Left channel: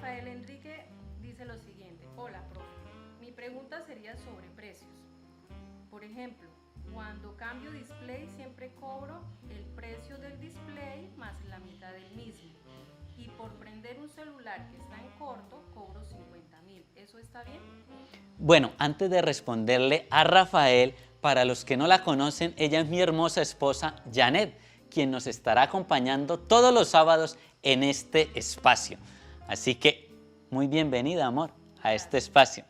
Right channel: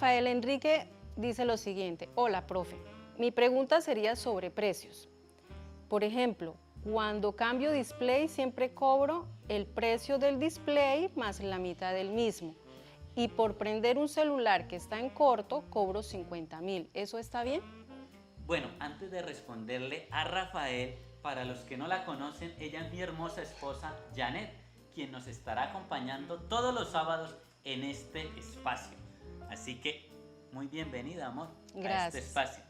Rafael Enrique dice lo siguiente: hola, profe. Mi pregunta sería sobre precios. Por ejemplo, cuando cambio display siempre cobro el precio del display más la mitad del mismo. Y por prender un celular que está en corto, cobro 50.000. ¿Eso está bien? Bueno, antes de responderle a Rafael, para los que no la conocen, ella es mi hermosa esposa Janet, quien nos estará acompañando todos los sábados en este espacio. Así que muy bienvenida, amor, a este espacio.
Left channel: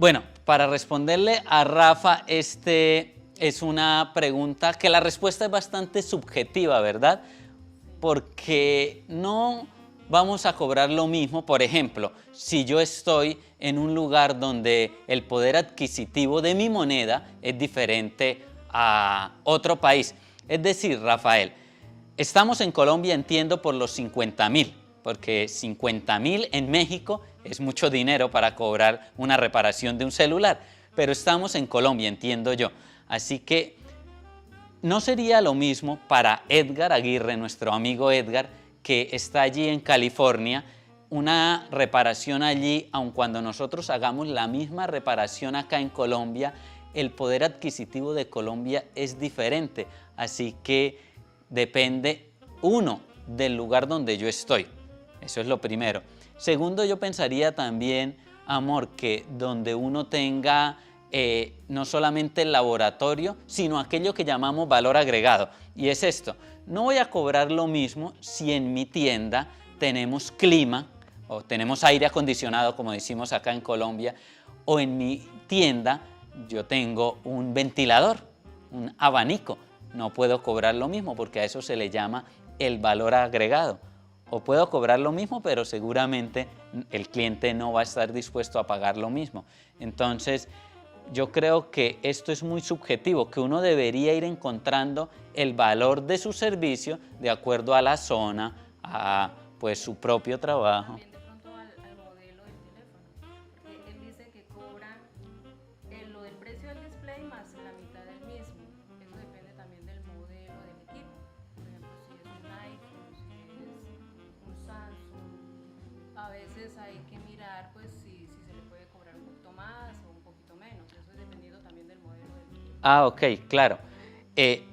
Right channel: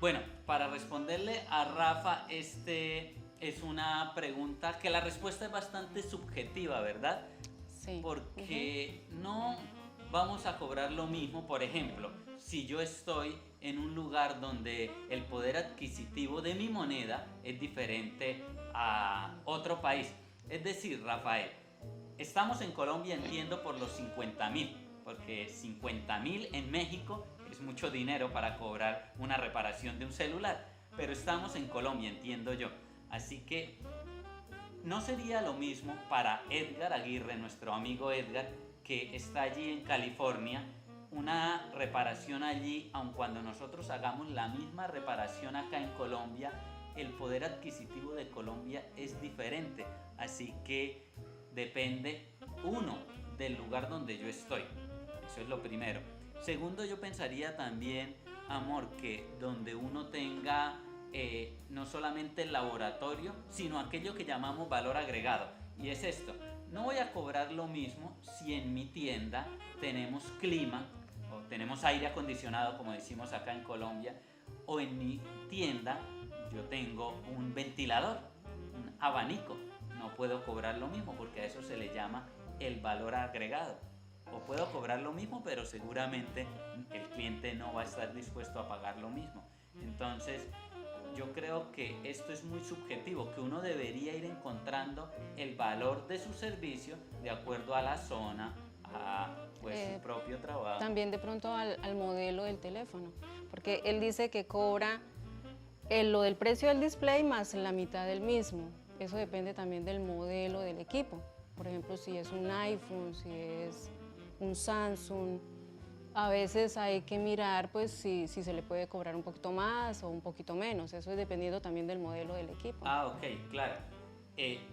Bueno, para responderle a Rafa, es una pregunta que la respuesta es bastante subjetiva, ¿verdad? Sí. Porque no vamos a cobrar lo mismo. Por ejemplo, si yo estoy en un lugar donde el poder adquisitivo de mi moneda es diferente a otro país. Es decir, Rafael, estamos en Colombia, entiendo, por los 50.000, porque 50.000 en México es mucho dinero para cobrar una reparación de un celular, pero estamos en Colombia, entiendo yo. Así que no sería lo mismo para Edgar Aguirre, nuestro amigo Edgar, que está allí en California, una reparación allí, aun cuando nosotros hagamos la misma reparación acá en Colombia, el poder adquisitivo de Colombia es diferente. Así que depende, uno, del lugar donde yo estoy. Eso es lo primero. Segundo, yo pensaría también, amor, que donde uno tenga no solamente el laboratorio, sino aquello que llamamos valor agregado. Y es esto: no voy a cobrar lo mismo si en mi tienda tenemos clima o tenemos aire acondicionado, como decimos acá en Colombia, o en mi tienda yo tengo un ventilador, un abanico. No puedo cobrar lo mismo porque a eso se le llama el valor agregado. O puedo cobrar lo mismo, pero seguramente el cliente no va a estar dispuesto a pagar lo mismo. Entonces, yo creo que esto es muy subjetivo, que uno debería ir encontrando el valor de su servicio de acuerdo a la zona, a pues su propio trabajo. También de pronto al modelo del teléfono, porque él dice que cobra lo del precio del display más la mitad del mismo. Eso depende también del modelo del equipo. Por ejemplo, si es un iPhone, si es un Samsung, a veces hay que mirar pues si se le puede cobrar un poquito más o un poquito menos. Eso es dependiendo también del modelo del equipo. Ah, ok, claro.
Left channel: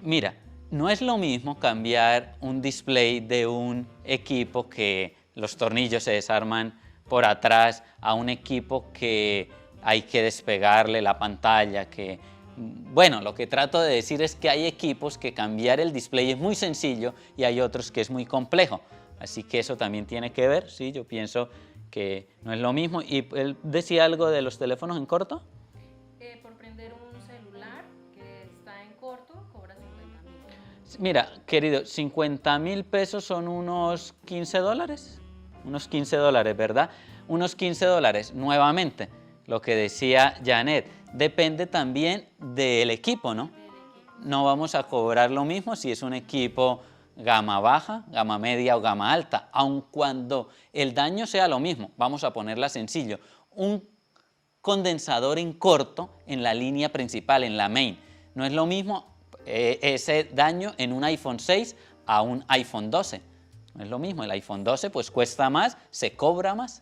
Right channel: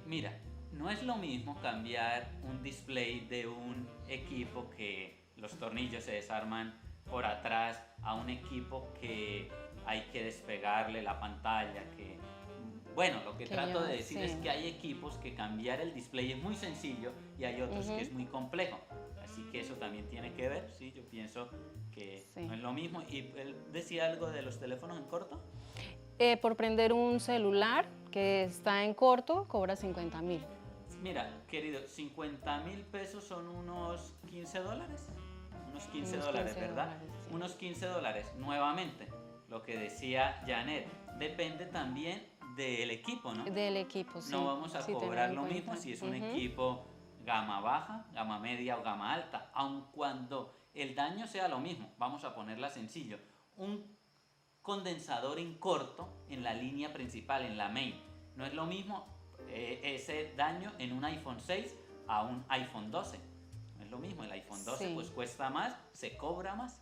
Mira, no es lo mismo cambiar un display de un equipo que los tornillos se desarman por atrás a un equipo que hay que despegarle la pantalla, que bueno, lo que trato de decir es que hay equipos que cambiar el display es muy sencillo y hay otros que es muy complejo. Así que eso también tiene que ver, sí, yo pienso que no es lo mismo. ¿Y él decía algo de los teléfonos en corto? Por prender un celular que está en corto, cobra 50.000. Mira, querido, 50.000 pesos son unos 15 dólares. Unos 15 dólares, ¿verdad? Unos 15 dólares, nuevamente, lo que decía Janet, depende también del equipo, ¿no? Del equipo, sí. No vamos a cobrar lo mismo si es un equipo gama baja, gama media o gama alta, aun cuando el daño sea lo mismo. Vamos a ponerla sencillo: un condensador en corto en la línea principal, en la main. No es lo mismo ese daño en un iPhone 6 a un iPhone 12. No es lo mismo, el iPhone 12 pues cuesta más, se cobra más.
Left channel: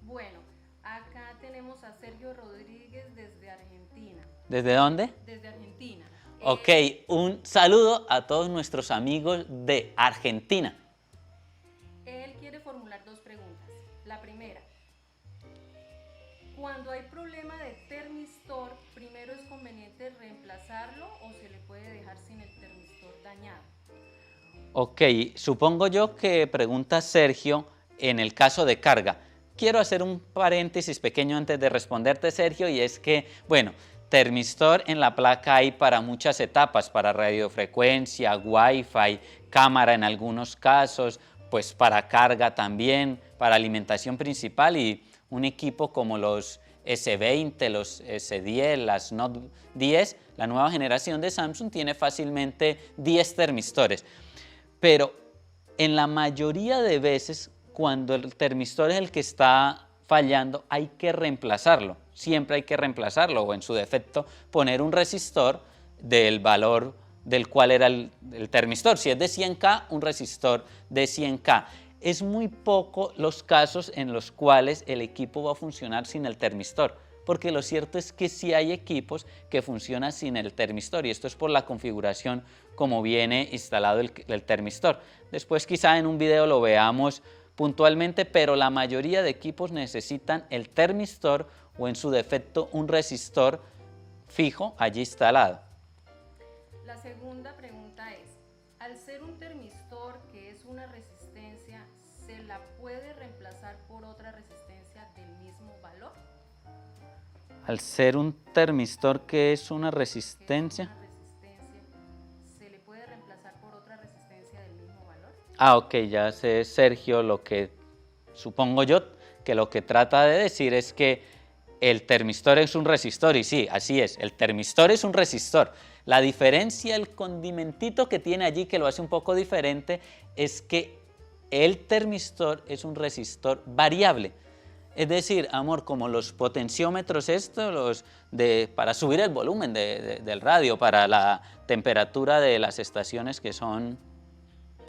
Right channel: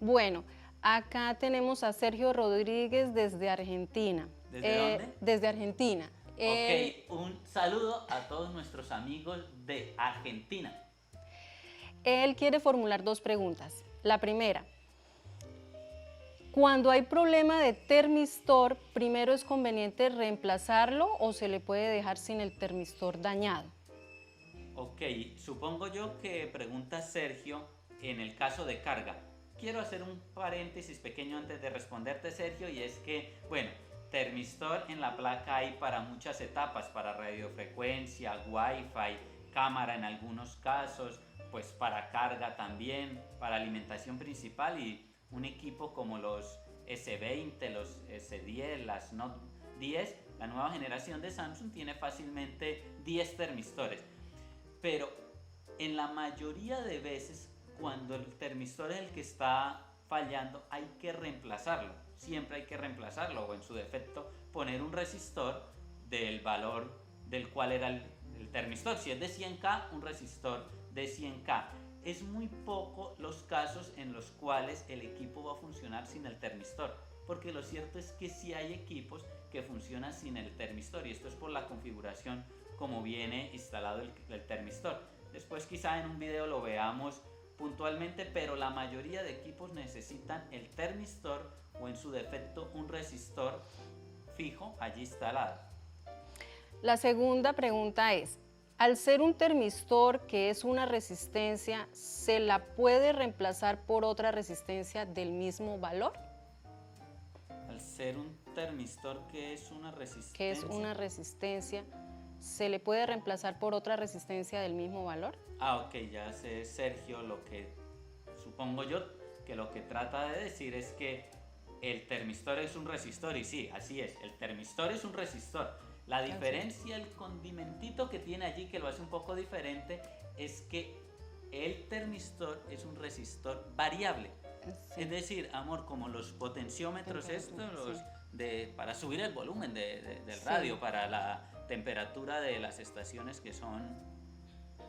Bueno, acá tenemos a Sergio Rodríguez desde Argentina. ¿Desde dónde? Desde Argentina. Ok, un saludo a todos nuestros amigos de Argentina. Él quiere formular dos preguntas. La primera: cuando hay problema de termistor, ¿primero es conveniente reemplazarlo o se le puede dejar sin el termistor dañado? Ok, supongo yo que pregunta Sergio en el caso de carga. Quiero hacer un paréntesis pequeño antes de responderte, Sergio, y es que, bueno, termistor en la placa hay para muchas etapas: para radiofrecuencia, Wi-Fi, cámara en algunos casos, pues para carga también, para alimentación principal, y un equipo como los S20, los S10, las Note 10, la nueva generación de Samsung tiene fácilmente 10 termistores. Pero en la mayoría de veces, cuando el termistor es el que está fallando, hay que reemplazarlo. Siempre hay que reemplazarlo, o en su defecto poner un resistor del valor del cual era el termistor. Si es de 100K, un resistor de 100K. es muy poco los casos en los cuales el equipo va a funcionar sin el termistor, porque lo cierto es que sí hay equipos que funcionan sin el termistor, y esto es por la configuración como viene instalado el termistor. Después quizá en un video lo veamos puntualmente, pero la mayoría de equipos necesitan el termistor o en su defecto un resistor fijo allí instalado. La segunda pregunta es, al ser un termistor que es una resistencia, ¿se la puede reemplazar por otra resistencia del mismo valor? Al ser un termistor que es una resistencia. ¿Se le puede reemplazar por otra resistencia del mismo valor? Ah, ok, ya sé, Sergio, lo que supongo yo que lo que trata de decir es que el termistor es un resistor, y sí, así es, el termistor es un resistor. La diferencia, el condimentito que tiene allí que lo hace un poco diferente, es que el termistor es un resistor variable. Es decir, amor, como los potenciómetros estos, para subir el volumen del radio, para la temperatura de las estaciones que son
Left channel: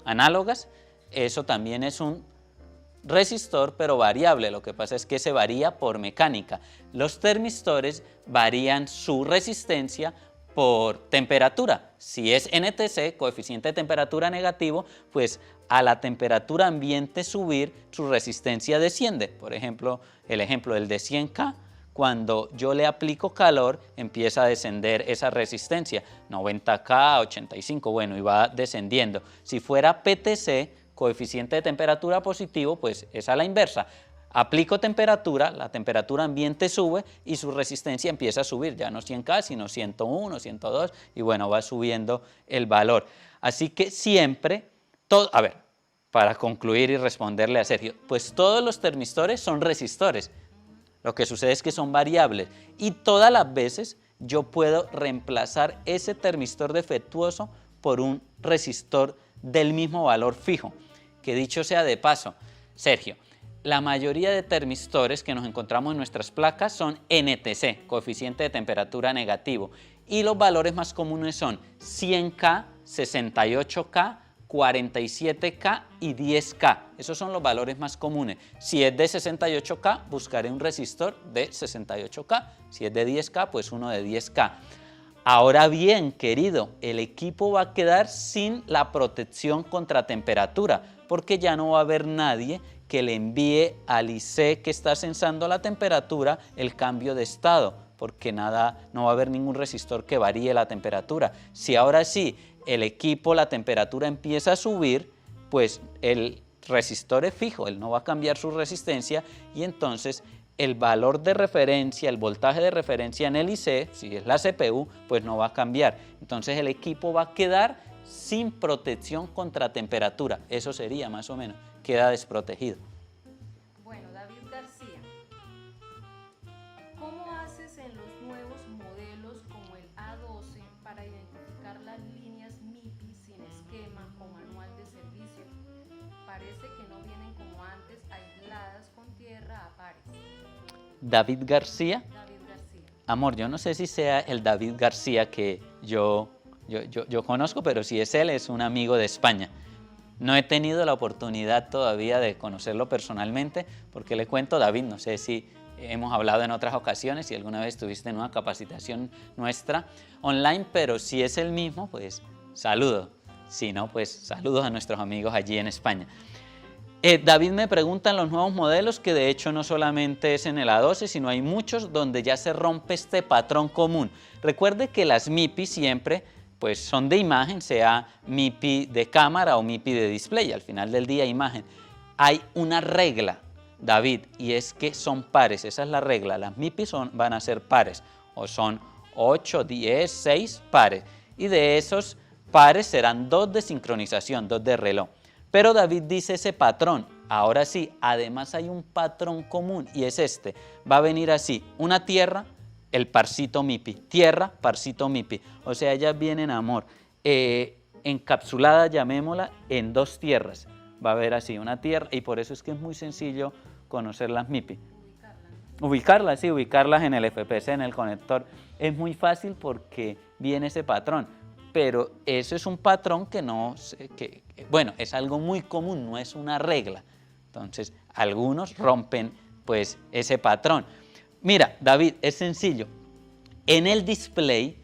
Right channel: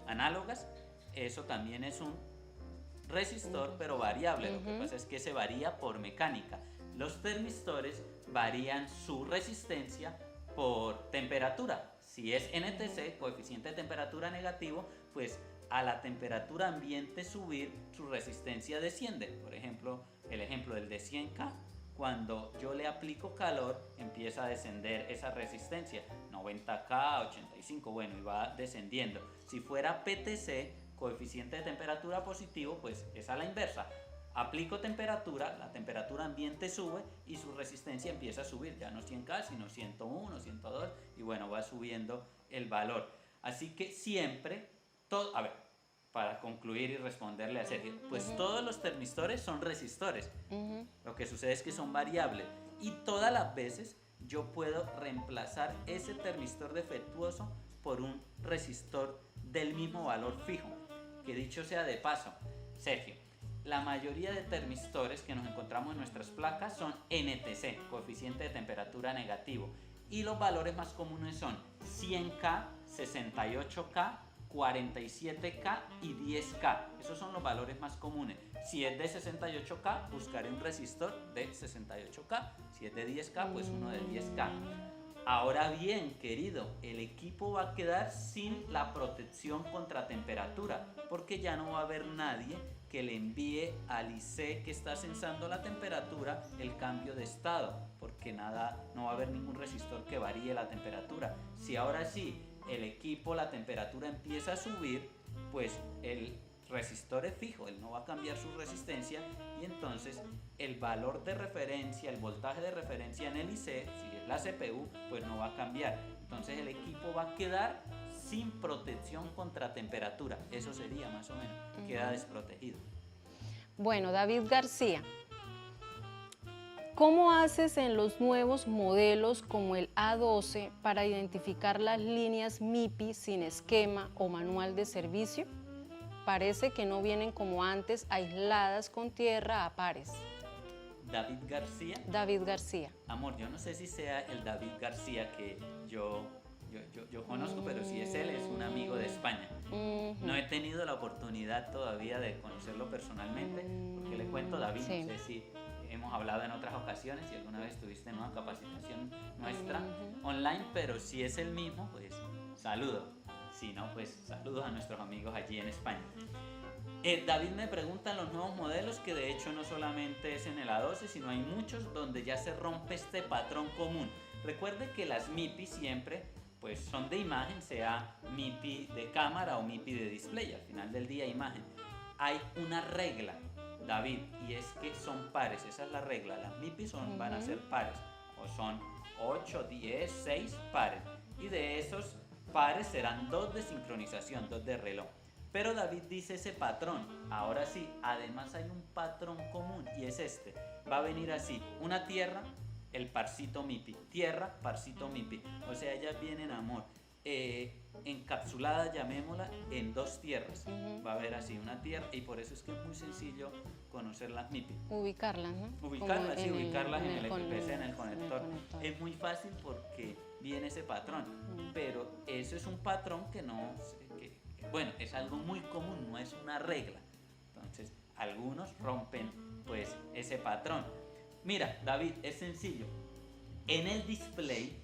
análogas, eso también es un resistor, pero variable. Lo que pasa es que se varía por mecánica. Los termistores varían su resistencia por temperatura. Si es NTC, coeficiente de temperatura negativo, pues a la temperatura ambiente subir, su resistencia desciende. Por ejemplo, el ejemplo del de 100K, cuando yo le aplico calor, empieza a descender esa resistencia, 90K, 85, bueno, y va descendiendo. Si fuera PTC, coeficiente de temperatura positivo, pues es a la inversa. Aplico temperatura, la temperatura ambiente sube y su resistencia empieza a subir, ya no 100K, sino 101, 102, y bueno, va subiendo el valor. Así que siempre, a ver, para concluir y responderle a Sergio, pues todos los termistores son resistores. Lo que sucede es que son variables, y todas las veces yo puedo reemplazar ese termistor defectuoso por un resistor del mismo valor fijo. Que dicho sea de paso, Sergio, la mayoría de termistores que nos encontramos en nuestras placas son NTC, coeficiente de temperatura negativo, y los valores más comunes son 100K, 68K, 47K y 10K. Esos son los valores más comunes. Si es de 68K, buscaré un resistor de 68K. Si es de 10K, pues uno de 10K. Ahora bien, querido, el equipo va a quedar sin la protección contra temperatura, porque ya no va a haber nadie que le envíe al IC que está sensando la temperatura el cambio de estado, porque no va a haber ningún resistor que varíe la temperatura. Si ahora sí el equipo, la temperatura empieza a subir, pues el resistor es fijo, él no va a cambiar su resistencia, y entonces el valor de referencia, el voltaje de referencia en el IC, si es la CPU, pues no va a cambiar. Entonces el equipo va a quedar sin protección contra temperatura. Eso sería más o menos, queda desprotegido. Bueno, David García, ¿cómo haces en los nuevos modelos como el A12 para identificar las líneas MIPI sin esquema o manual de servicio? Parece que no vienen como antes, aisladas con tierra a pares. David García. David García. Amor, yo no sé si sea el David García que yo conozco, pero si es él, es un amigo de España. No he tenido la oportunidad todavía de conocerlo personalmente, porque le cuento, David, no sé si hemos hablado en otras ocasiones, si alguna vez estuviste en una capacitación nuestra online, pero si es el mismo, pues saludo. Si no, pues saludos a nuestros amigos allí en España. David me pregunta en los nuevos modelos, que de hecho no solamente es en el A12, sino hay muchos donde ya se rompe este patrón común. Recuerde que las MIPI siempre pues son de imagen, sea MIPI de cámara o MIPI de display, al final del día imagen. Hay una regla, David, y es que son pares, esa es la regla, las MIPI van a ser pares, o son 8, 10, 6 pares, y de esos pares serán 2 de sincronización, 2 de reloj. Pero David dice ese patrón, ahora sí, además hay un patrón común, y es este, va a venir así, una tierra, el parcito MIPI, tierra, parcito MIPI, o sea, ellas vienen, amor, encapsuladas, llamémosla, en 2 tierras, va a haber así una tierra, y por eso es que es muy sencillo conocer las MIPI. Ubicarlas, ¿no? Ubicarlas, sí, ubicarlas en el FPC, en el conector, es muy fácil porque viene ese patrón, pero eso es un patrón que no, Bueno, es algo muy común, no es una regla. Entonces, algunos rompen pues ese patrón. Mira, David, es sencillo. En el display,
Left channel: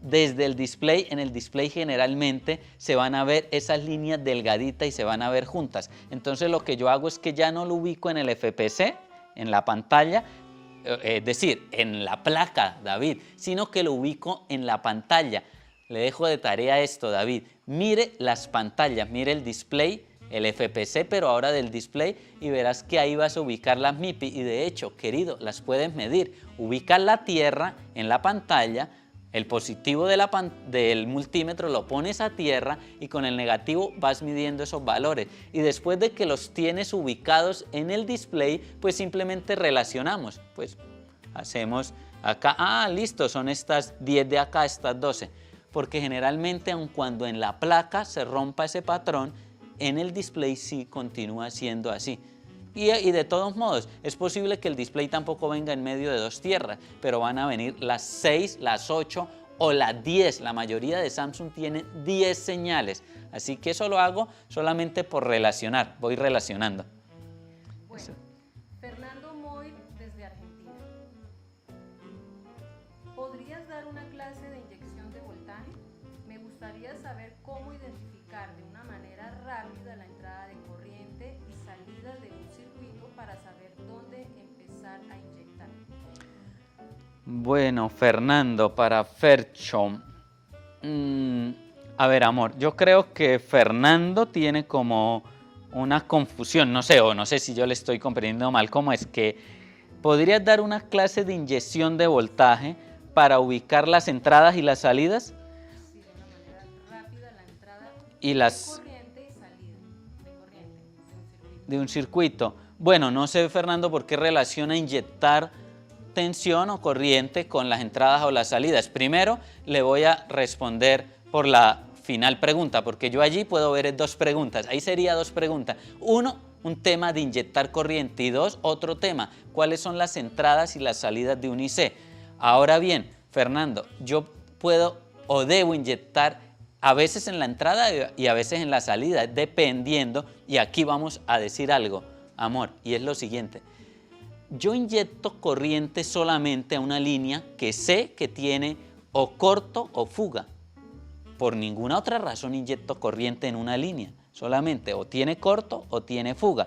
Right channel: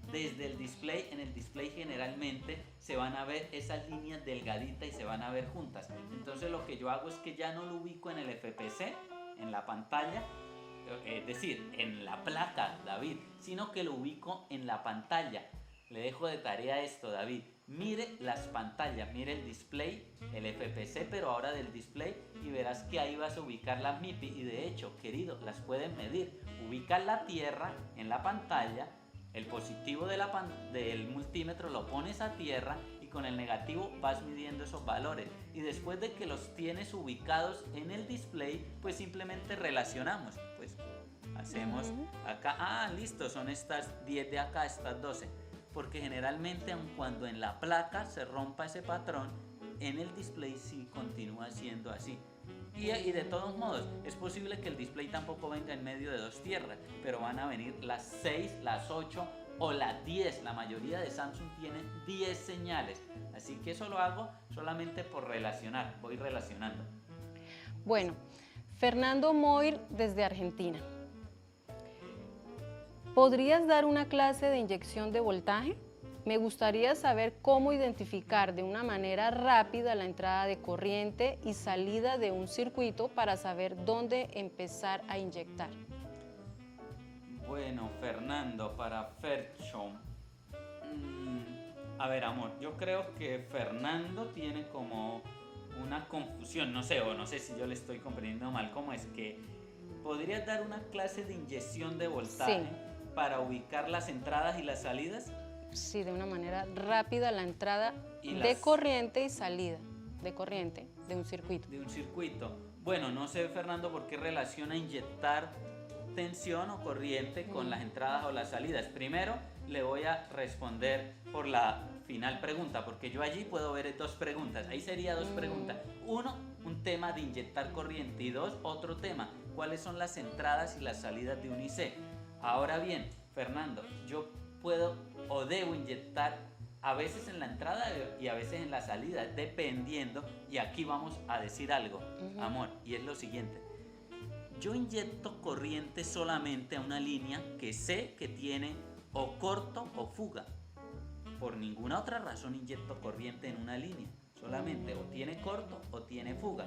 desde el display, en el display generalmente se van a ver esas líneas delgaditas y se van a ver juntas. Entonces lo que yo hago es que ya no lo ubico en el FPC, en la pantalla, es decir, en la placa, David, sino que lo ubico en la pantalla. Le dejo de tarea esto, David. Mire las pantallas, mire el display, el FPC, pero ahora del display, y verás que ahí vas a ubicar las MIPI. Y de hecho, querido, las puedes medir. Ubicas la tierra en la pantalla, el positivo del multímetro lo pones a tierra y con el negativo vas midiendo esos valores. Y después de que los tienes ubicados en el display, pues simplemente relacionamos. Pues hacemos acá, listo, son estas 10 de acá, estas 12. Porque generalmente, aun cuando en la placa se rompa ese patrón, en el display sí continúa siendo así. Y de todos modos, es posible que el display tampoco venga en medio de dos tierras, pero van a venir las 6, las 8 o las 10. La mayoría de Samsung tiene 10 señales. Así que eso lo hago solamente por relacionar, voy relacionando. Bueno, Fernando Moir desde Argentina. ¿Podrías dar una clase de inyección de voltaje? Me gustaría saber cómo identificar de una manera rápida la entrada de corriente y salida de un circuito para saber dónde empezar a inyectar. Bueno, Fernando, para Fercho. A ver, amor, yo creo que Fernando tiene como una confusión, no sé, o no sé si yo le estoy comprendiendo mal, ¿cómo es que podrías dar una clase de inyección de voltaje para ubicar las entradas y las salidas? Sí, de una manera rápida la entrada Y de corriente y salida de corriente de un circuito. De un circuito. Bueno, no sé, Fernando, por qué relaciona inyectar tensión o corriente con las entradas o las salidas. Primero, le voy a responder por la final pregunta, porque yo allí puedo ver dos preguntas. Ahí sería dos preguntas. Uno, un tema de inyectar corriente, y dos, otro tema, cuáles son las entradas y las salidas de un IC. Ahora bien, Fernando, yo puedo o debo inyectar a veces en la entrada y a veces en la salida, dependiendo, y aquí vamos a decir algo, amor, y es lo siguiente. Yo inyecto corriente solamente a una línea que sé que tiene o corto o fuga. Por ninguna otra razón inyecto corriente en una línea, solamente o tiene corto o tiene fuga.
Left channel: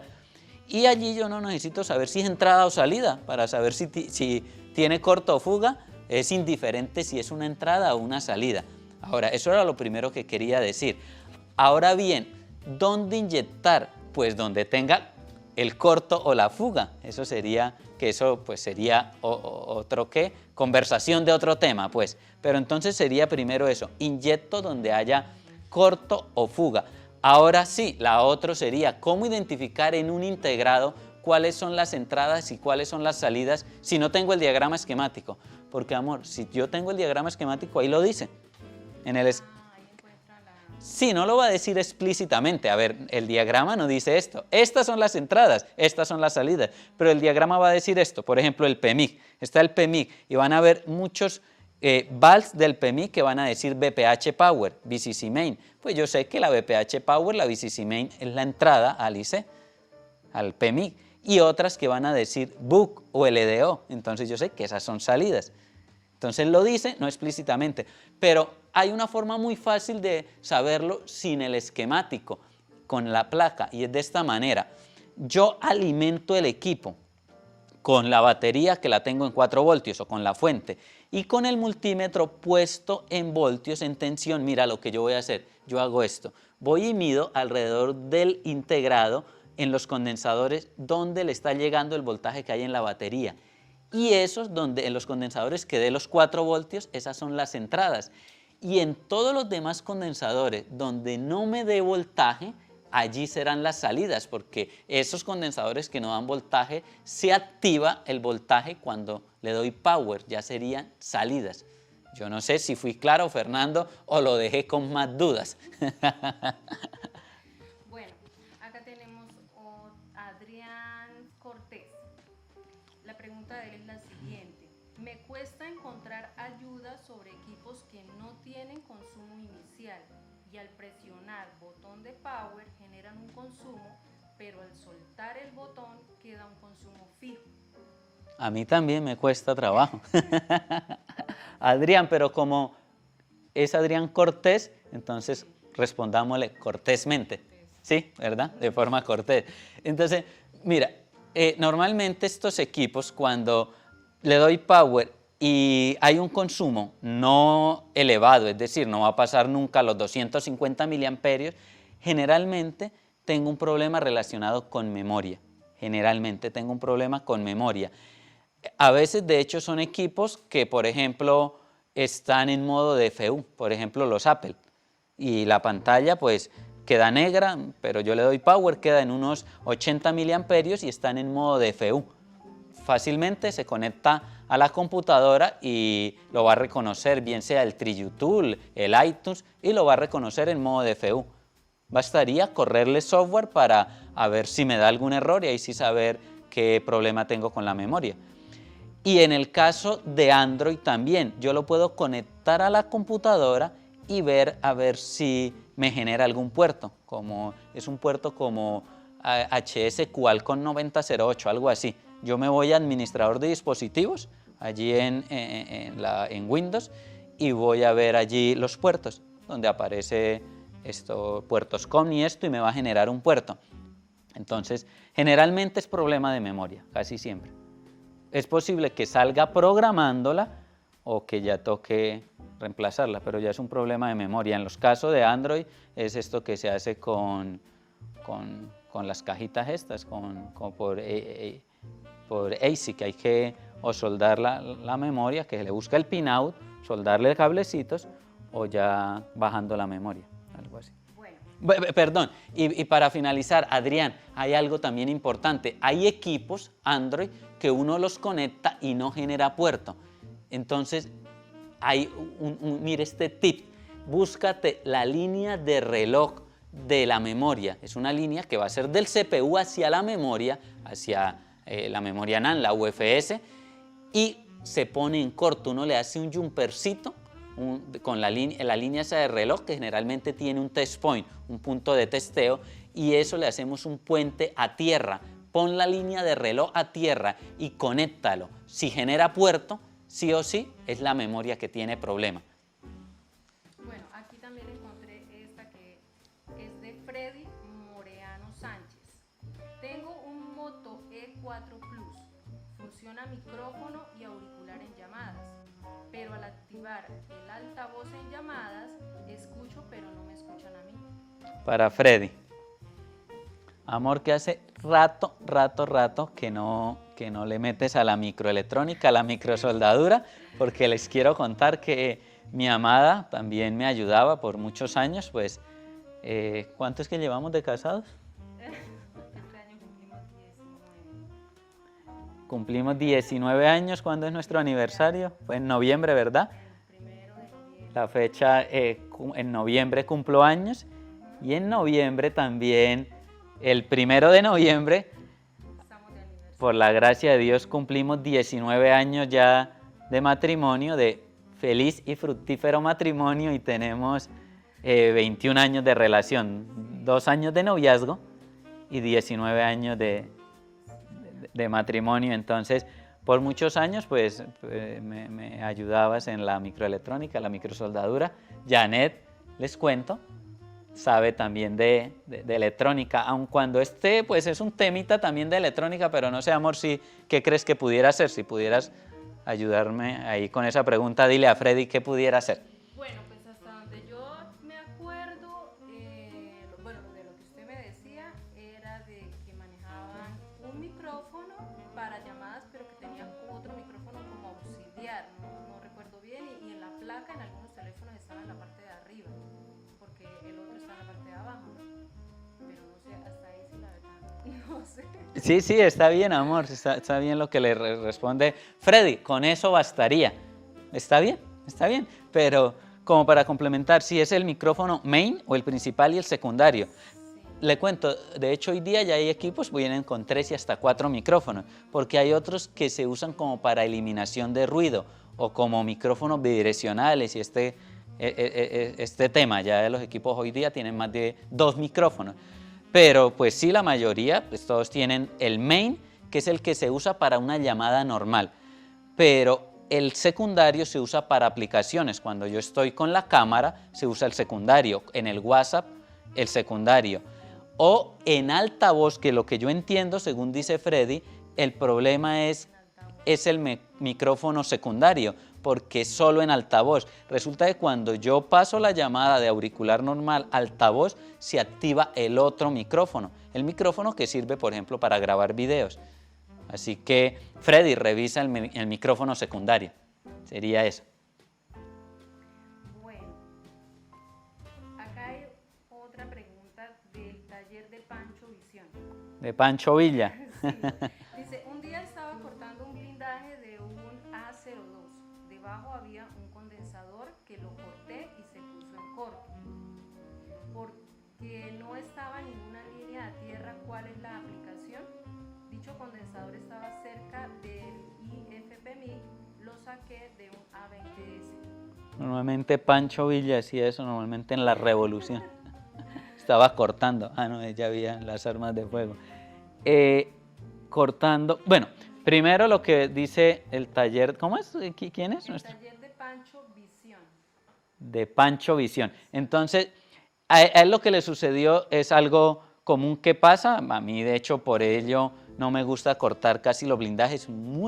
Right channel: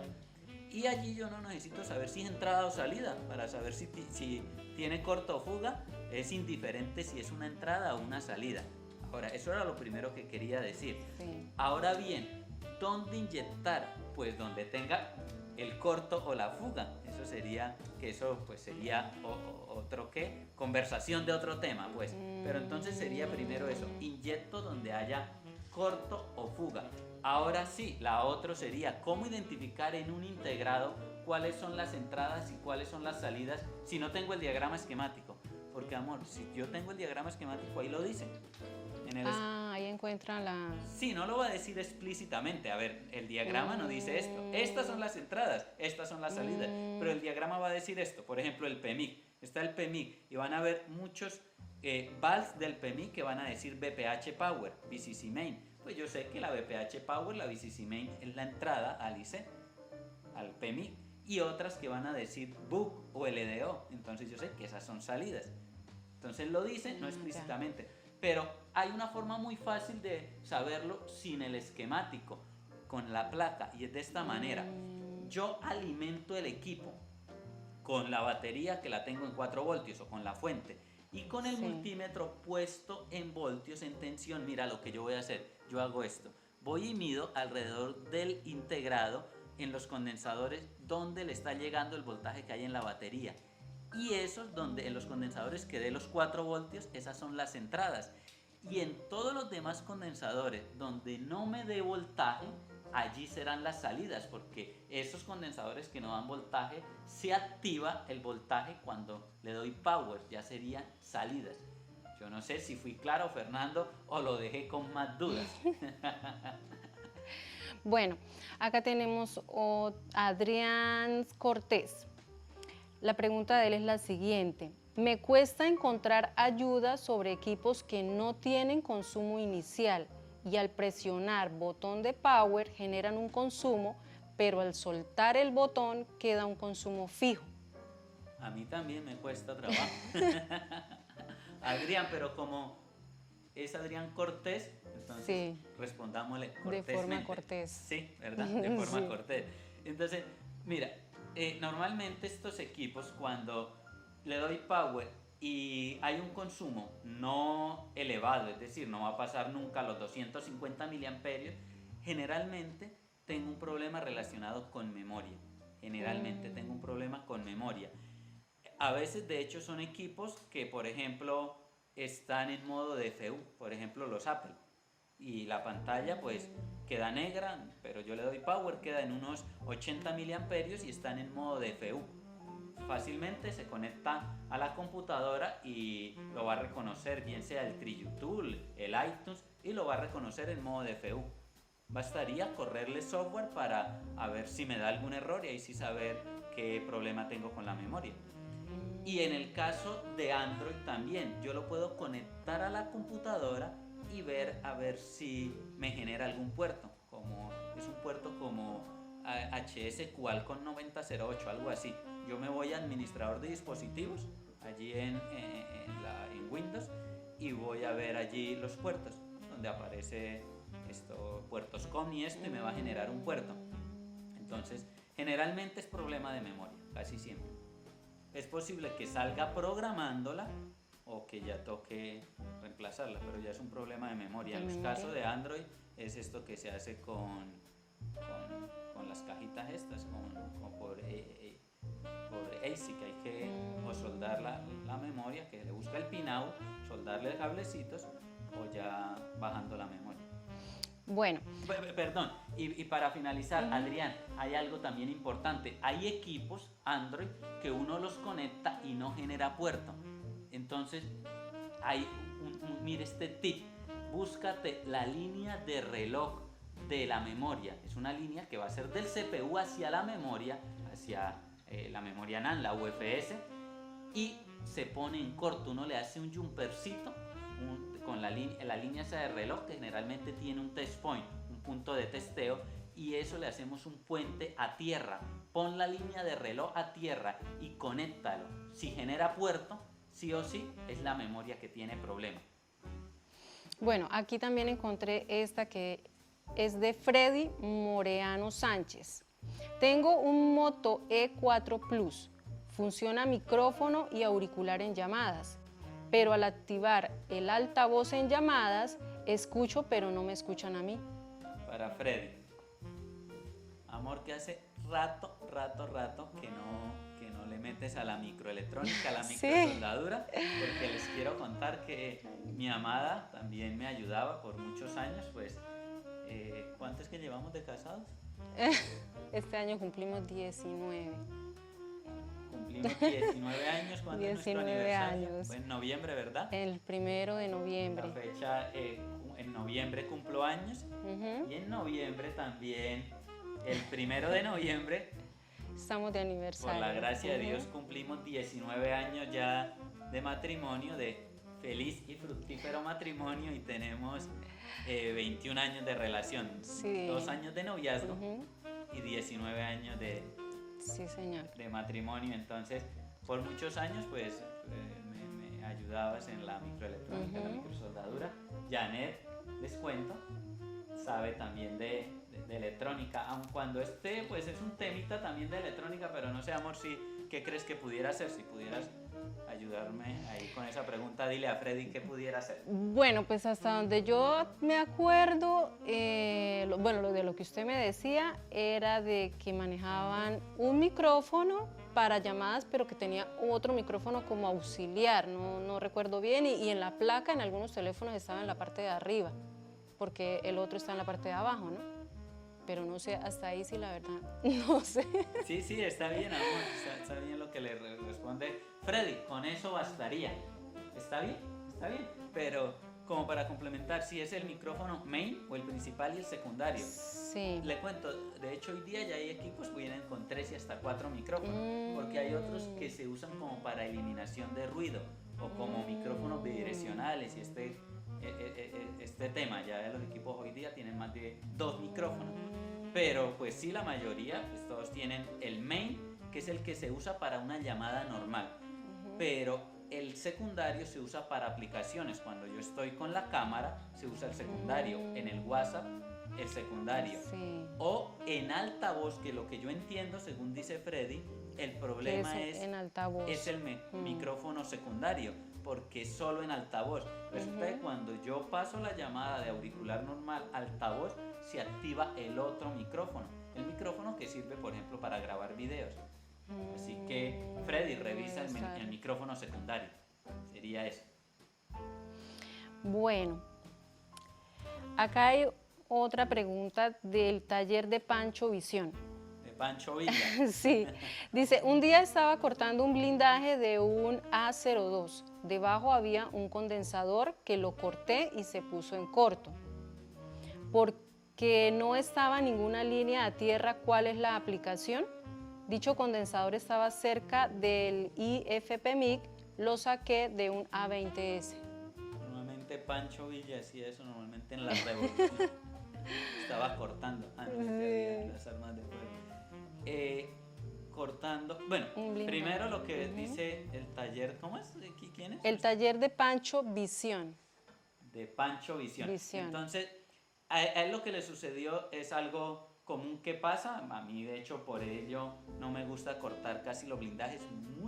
Y allí yo no necesito saber si es entrada o salida, para saber si tiene corto o fuga, es indiferente si es una entrada o una salida. Ahora, eso era lo primero que quería decir. Ahora bien, ¿dónde inyectar? Pues donde tenga el corto o la fuga. Eso sería, que eso pues sería otro qué, conversación de otro tema, pues. Pero entonces sería primero eso, inyecto donde haya corto o fuga. Ahora sí, la otra sería cómo identificar en un integrado cuáles son las entradas y cuáles son las salidas si no tengo el diagrama esquemático. Porque, amor, si yo tengo el diagrama esquemático, ahí lo dice. Ahí encuentran la... Sí, no lo va a decir explícitamente. A ver, el diagrama no dice esto. Estas son las entradas, estas son las salidas. Pero el diagrama va a decir esto. Por ejemplo, el PMIC. Está el PMIC y van a ver muchos vals del PMIC que van a decir VPH Power, VCC Main. Pues yo sé que la VPH Power, la VCC Main, es la entrada al IC, al PMIC. Y otras que van a decir BUC o LDO. Entonces yo sé que esas son salidas. Entonces lo dice, no explícitamente, pero hay una forma muy fácil de saberlo sin el esquemático, con la placa, y es de esta manera. Yo alimento el equipo con la batería que la tengo en 4 voltios o con la fuente, y con el multímetro puesto en voltios, en tensión. Mira lo que yo voy a hacer, yo hago esto, voy y mido alrededor del integrado en los condensadores donde le está llegando el voltaje que hay en la batería. Y esos donde en los condensadores que dé los 4 voltios, esas son las entradas. Y en todos los demás condensadores donde no me dé voltaje, allí serán las salidas, porque esos condensadores que no dan voltaje, se activa el voltaje cuando le doy power, ya serían salidas. Yo no sé si fui claro, Fernando, o lo dejé con más dudas. Bueno, acá tenemos a Adrián Cortés. La pregunta de él es la siguiente. Me cuesta encontrar ayuda sobre equipos que no tienen consumo inicial. y al presionar botón de power generan un consumo, pero al soltar el botón queda un consumo fijo. A mí también me cuesta trabajo. Adrián, pero como es Adrián Cortés, entonces Sí. respondámosle cortésmente. cortés. Sí, ¿verdad? De forma Sí. cortés. Entonces, mira, normalmente estos equipos cuando le doy power y hay un consumo no elevado, es decir, no va a pasar nunca los 250 miliamperios, generalmente tengo un problema relacionado con memoria. Generalmente tengo un problema con memoria. A veces, de hecho, son equipos que, por ejemplo, están en modo DFU, por ejemplo, los Apple. Y la pantalla, pues, queda negra, pero yo le doy power, queda en unos 80 miliamperios y están en modo DFU. Fácilmente se conecta a la computadora y lo va a reconocer, bien sea el TriuTool, el iTunes, y lo va a reconocer en modo DFU. Bastaría correrle software para a ver si me da algún error y ahí sí saber qué problema tengo con la memoria. Y en el caso de Android también, yo lo puedo conectar a la computadora y ver a ver si me genera algún puerto, como es un puerto como HS Qualcomm 9008, algo así. Yo me voy a administrador de dispositivos, allí en Windows, y voy a ver allí los puertos, donde aparece puertos COM y esto, y me va a generar un puerto. Entonces, generalmente es problema de memoria, casi siempre. Es posible que salga programándola o que ya toque reemplazarla, pero ya es un problema de memoria. En los casos de Android es esto que se hace con las cajitas estas, por ASIC, hay que o soldar la memoria, que se le busca el pinout, soldarle cablecitos o ya bajando la memoria. Algo así. Bueno. Perdón, y para finalizar, Adrián, hay algo también importante. Hay equipos Android que uno los conecta y no genera puerto. Entonces, hay mire este tip, búscate la línea de reloj de la memoria. Es una línea que va a ser del CPU hacia la memoria, hacia la memoria NAND, la UFS, y se pone en corto. Uno le hace un jumpercito con la línea esa de reloj, que generalmente tiene un test point, un punto de testeo, y eso le hacemos un puente a tierra. Pon la línea de reloj a tierra y conéctalo. Si genera puerto, sí o sí es la memoria que tiene problema. Bueno, aquí también encontré esta que es de Freddy Moreano Sánchez. Tengo un Moto E4 Plus. Funciona micrófono y auricular en llamadas, pero al activar el altavoz en llamadas, escucho pero no me escuchan a mí. Para Freddy. Amor, que hace rato que no le metes a la microelectrónica, a la microsoldadura, porque les quiero contar que mi amada también me ayudaba por muchos años, pues, ¿cuánto es que llevamos de casados? Este año cumplimos 19. Cumplimos 19 años, ¿cuándo es nuestro aniversario? años. Pues en noviembre, ¿verdad? El 1 de noviembre. La fecha, en noviembre cumplo años, y en noviembre también, el 1 de noviembre, Estamos de aniversario. por la gracia de Dios, cumplimos 19 años ya de matrimonio, de feliz y fructífero matrimonio, y tenemos 21 años de relación, Sí. 2 años de noviazgo y 19 años de matrimonio. Entonces, por muchos años, pues, me ayudabas en la microelectrónica, la microsoldadura. Janet, les cuento, sabe también de electrónica, aun cuando pues, es un temita también de electrónica, pero no sé, amor, ¿qué crees que pudiera hacer? Si pudieras ayudarme ahí con esa pregunta, dile a Freddy qué pudiera hacer. Bueno, pues hasta donde yo me acuerdo, lo de lo que usted me decía era de que manejaban un micrófono para llamadas, pero que tenía otro micrófono como auxiliar, no recuerdo bien, y en la placa en algunos teléfonos estaba en la parte de arriba, porque el otro está en la parte de abajo, ¿no? Pero no sé, hasta ahí sí la verdad, no sé. Sí, está bien, amor, está bien lo que le responde Freddy, con eso bastaría. Está bien, pero como para complementar, si es el micrófono main o el principal y el secundario. Sí. Le cuento, de hecho hoy día ya hay equipos que vienen con 3 y hasta 4 micrófonos, porque hay otros que se usan como para eliminación de ruido o como micrófonos bidireccionales, y este tema. Ya los equipos hoy día tienen más de 2 micrófonos. Pero pues sí, la mayoría, pues todos tienen el main, que es el que se usa para una llamada normal. Pero el secundario se usa para aplicaciones. Cuando yo estoy con la cámara, se usa el secundario. En el WhatsApp, el secundario. Sí. O en altavoz, que lo que yo entiendo, según dice Freddy, el problema es En altavoz. el micrófono secundario, porque es solo en altavoz. Resulta que cuando yo paso la llamada de auricular normal a altavoz, se activa el otro micrófono. El micrófono que sirve, por ejemplo, para grabar videos. Así que, Freddy, revisa el micrófono secundario. Sería eso. Bueno, acá hay otra pregunta del taller de Pancho Visión. De Pancho Villa. Sí, dice, un día estaba cortando un blindaje de un A02. Debajo había un condensador que lo corté y se puso en corto. Porque no estaba ninguna línea a tierra, ¿cuál es la aplicación? Dicho condensador estaba cerca del IFP-MIC, lo saqué de un A20S. Normalmente Pancho Villa hacía eso, normalmente en la Revolución. Estaba cortando. Ah, no, ya había las armas de fuego. Cortando. Bueno, primero lo que dice el taller. ¿Cómo es? ¿Quién es? El taller de Pancho Visión. De Pancho Visión. Visión. Entonces, a él lo que le sucedió es algo común que pasa. A mí, de hecho, por ello no me gusta cortar casi los blindajes. En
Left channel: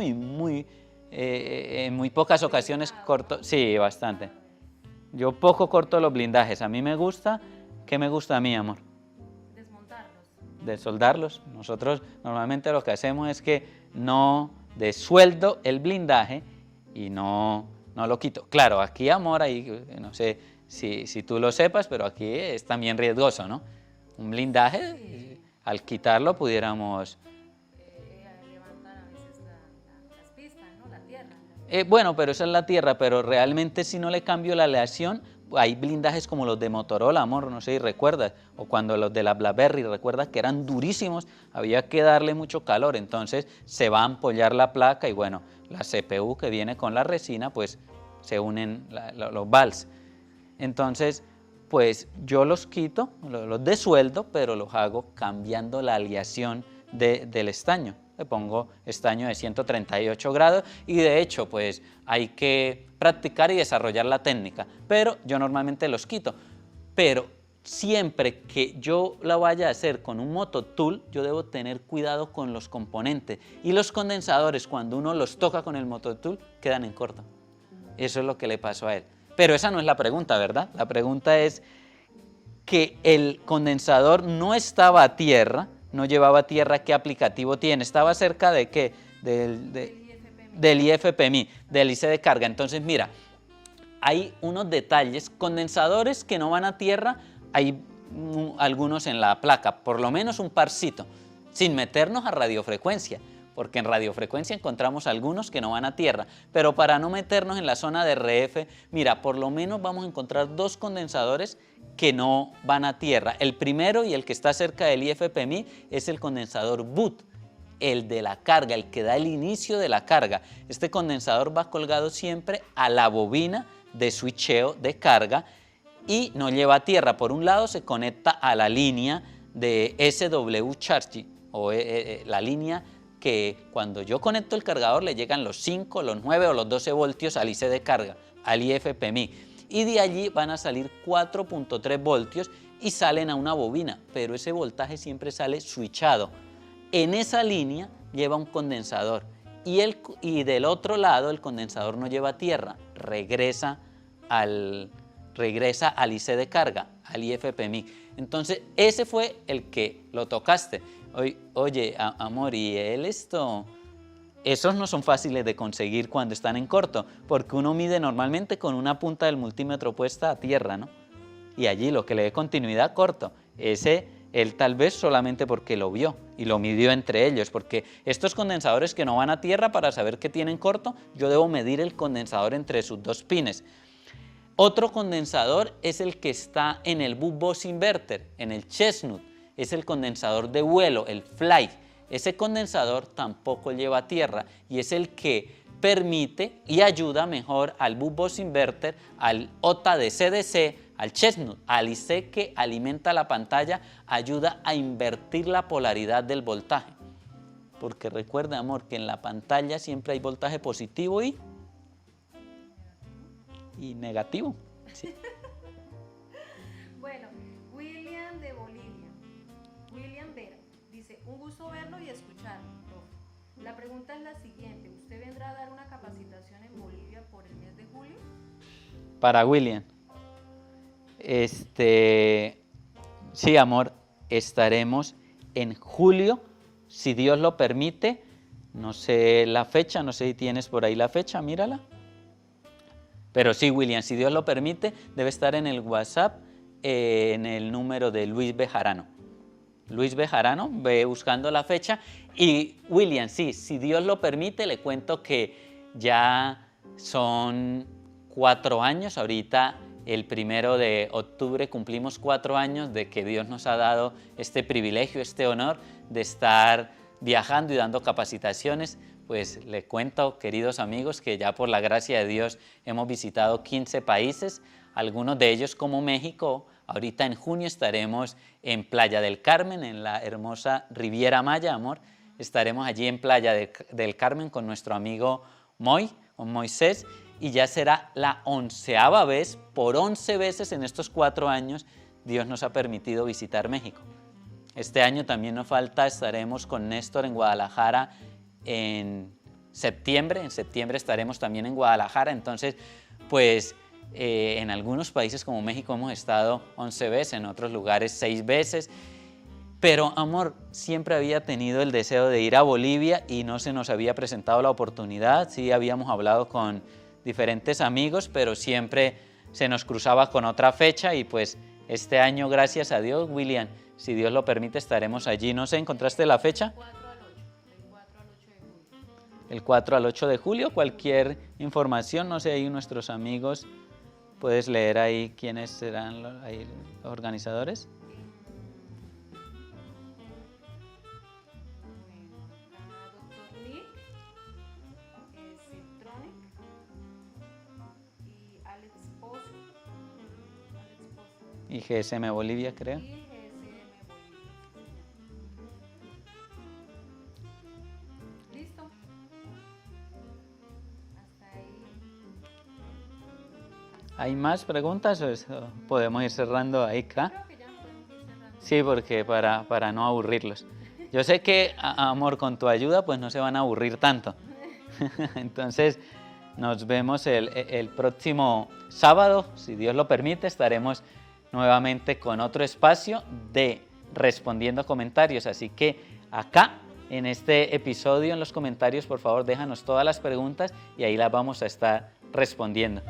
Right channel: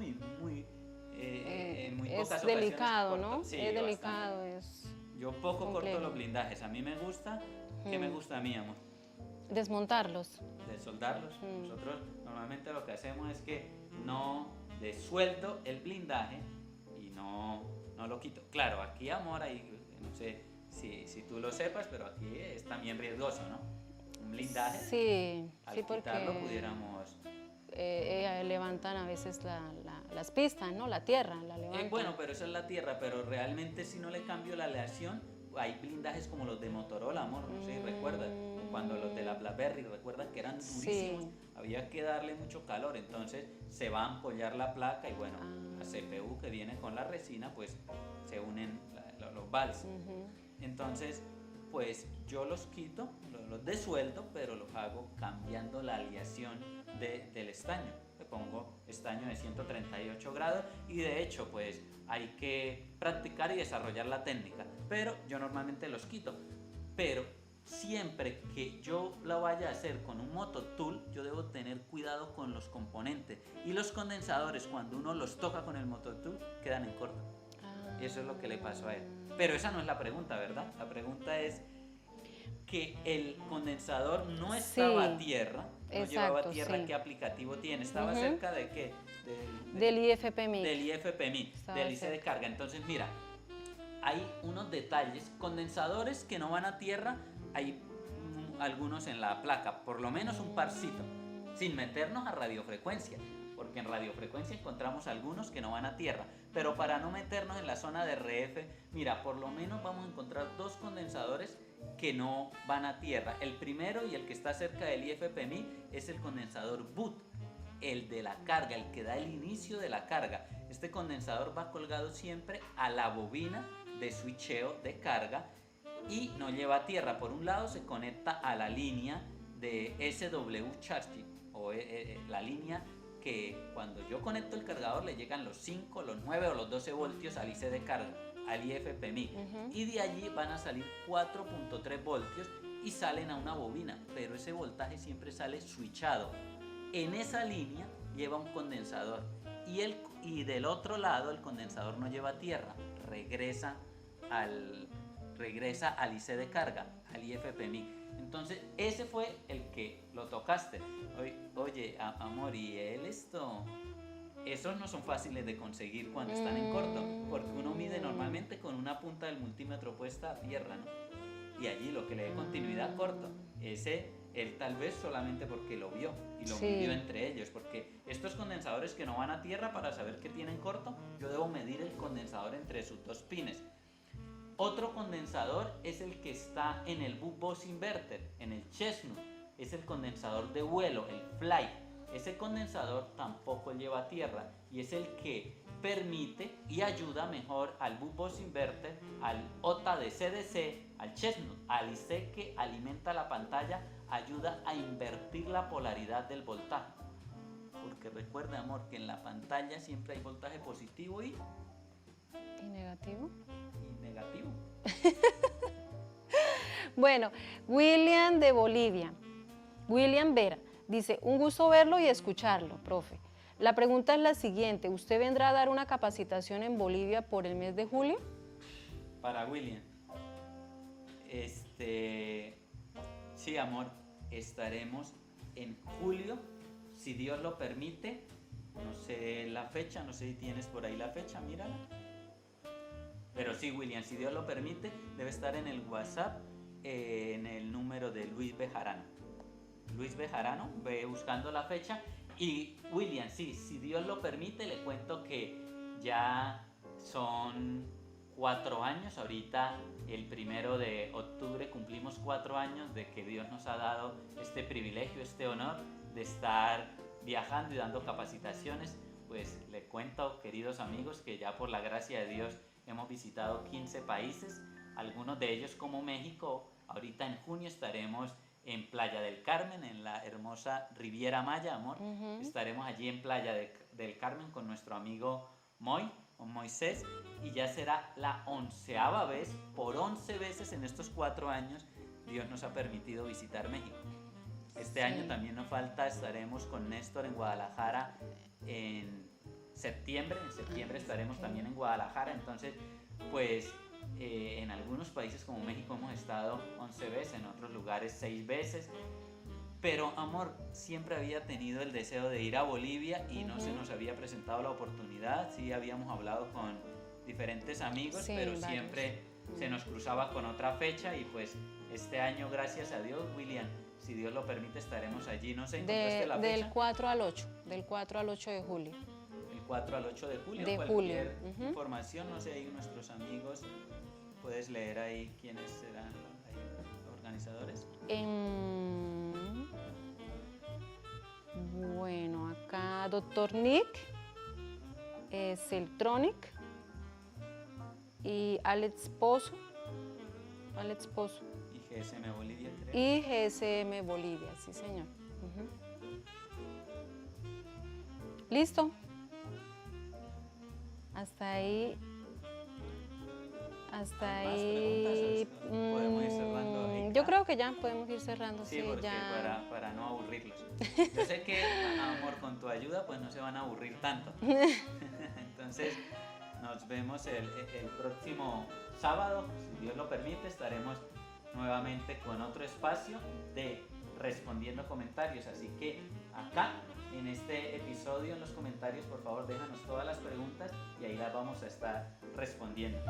muy pocas ocasiones delicado, corto. ¿no? Sí, Delicado bastante. es. Yo poco corto los blindajes. A mí me gusta. ¿Qué me gusta a mí, amor? Desmontarlos. De soldarlos. Nosotros normalmente lo que hacemos es que no desueldo el blindaje y no lo quito. Claro, aquí, amor, ahí no sé si tú lo sepas, pero aquí es también riesgoso, ¿no? Un blindaje, Sí, al sí, quitarlo porque, pudiéramos... levantan a veces las pistas, ¿no? La tierra. Bueno, pero esa es la tierra, pero realmente si no le cambio la aleación, hay blindajes como los de Motorola, amor, no sé si recuerdas, o cuando los de la BlackBerry, recuerdas que eran durísimos, Sí. había que darle mucho calor, entonces se va a ampollar la placa y bueno, la CPU que viene con la resina, pues se unen los vals. Entonces, pues yo los quito, los desueldo, pero los hago cambiando la aleación del estaño. Le pongo estaño de 138 grados y de hecho pues hay que practicar y desarrollar la técnica, pero yo normalmente los quito. Pero siempre que yo la vaya a hacer con un mototool, yo debo tener cuidado con los componentes y los condensadores cuando uno los toca con el mototool quedan en corto. Eso es lo que le pasó a él. Pero esa no es la pregunta, ¿verdad? La pregunta es que el condensador no estaba a tierra, no llevaba tierra, sí. ¿qué aplicativo tiene? ¿Estaba cerca de qué? Del IFP-MIC. Del IFP-MI, del IC de carga. Entonces, mira, hay unos detalles, condensadores que no van a tierra, hay algunos en la placa, por lo menos un parcito, sin meternos a radiofrecuencia, porque en radiofrecuencia encontramos algunos que no van a tierra, pero para no meternos en la zona de RF, mira, por lo menos vamos a encontrar 2 condensadores que no van a tierra. El primero y el que está cerca del IFP-MI es el condensador boot, el de la carga, el que da el inicio de la carga. Este condensador va colgado siempre a la bobina de switcheo de carga y no lleva tierra. Por un lado se conecta a la línea de SW Charging o la línea que cuando yo conecto el cargador le llegan los 5, los 9 o los 12 voltios al IC de carga, al IFP-MI. Y de allí van a salir 4.3 voltios y salen a una bobina, pero ese voltaje siempre sale switchado. En esa línea lleva un condensador y del otro lado el condensador no lleva tierra, regresa al IC de carga, al IFP-MIC. Entonces ese fue el que lo tocaste. Oye, amor, ¿y esos no son fáciles de conseguir cuando están en corto, porque uno mide normalmente con una punta del multímetro puesta a tierra, ¿no? Y allí lo que le dé continuidad corto, ese él tal vez solamente porque lo vio y lo midió entre ellos, porque estos condensadores que no van a tierra, para saber que tienen corto, yo debo medir el condensador entre sus 2 pines. Otro condensador es el que está en el bus inverter, en el Chestnut, es el condensador de vuelo, el Fly. Ese condensador tampoco lleva tierra y es el que permite y ayuda mejor al bus inverter, al OTA de CDC, al chestnut, al IC que alimenta la pantalla, ayuda a invertir la polaridad del voltaje. Porque recuerda, amor, que en la pantalla siempre hay voltaje positivo y ¿Negativo? negativo. Bueno, William de Bolivia, William Vera, dice, un gusto verlo y escucharlo, profe. La pregunta es la siguiente, ¿usted vendrá a dar una capacitación en Bolivia por el mes de julio? Para William. Sí, amor, estaremos en julio, si Dios lo permite. No sé la fecha, no sé si tienes por ahí la fecha, mírala. Pero sí, William, si Dios lo permite, debe estar en el WhatsApp, en el número de Luis Bejarano. Luis Bejarano, ve buscando la fecha. Y William, sí, si Dios lo permite, le cuento que ya son 4 años, ahorita el 1 de octubre cumplimos 4 años de que Dios nos ha dado este privilegio, este honor de estar viajando y dando capacitaciones. Pues le cuento, queridos amigos, que ya por la gracia de Dios hemos visitado 15 países, algunos de ellos como México. Ahorita en junio estaremos en Playa del Carmen, en la hermosa Riviera Maya, amor. Estaremos allí en Playa del Carmen con nuestro amigo Moisés, y ya será la 11ª vez, por 11 veces en estos 4 años, Dios nos ha permitido visitar México. Este año también nos falta, estaremos con Néstor en Guadalajara en septiembre estaremos también en Guadalajara. Entonces, pues en algunos países como México hemos estado 11 veces, en otros lugares 6 veces, pero amor, siempre había tenido el deseo de ir a Bolivia y no se nos había presentado la oportunidad. Sí, habíamos hablado con diferentes amigos, sí, pero siempre se nos cruzaba con otra fecha, y pues este año, gracias a Dios, William, si Dios lo permite, estaremos allí. No sé, ¿encontraste la fecha? Del 4 al 8 de julio. El 4 al 8 de julio, cualquier información, no sé, ahí nuestros amigos, puedes leer ahí quiénes serán los organizadores. Bueno, acá Dr. Nick, Celtronic y Alex Pozo. Y GSM Bolivia, creo. Y GSM Bolivia, sí señor. ¿Listo? Hasta ahí. ¿Hay más preguntas o podemos ir cerrando ahí? Yo creo que ya podemos ir cerrando. Sí, porque para no aburrirlos. Yo sé que, amor, con tu ayuda pues no se van a aburrir tanto. Entonces, nos vemos el próximo sábado, si Dios lo permite, estaremos nuevamente con otro espacio de Respondiendo Comentarios. Así que acá, en este episodio, en los comentarios, por favor, déjanos todas las preguntas y ahí las vamos a estar respondiendo.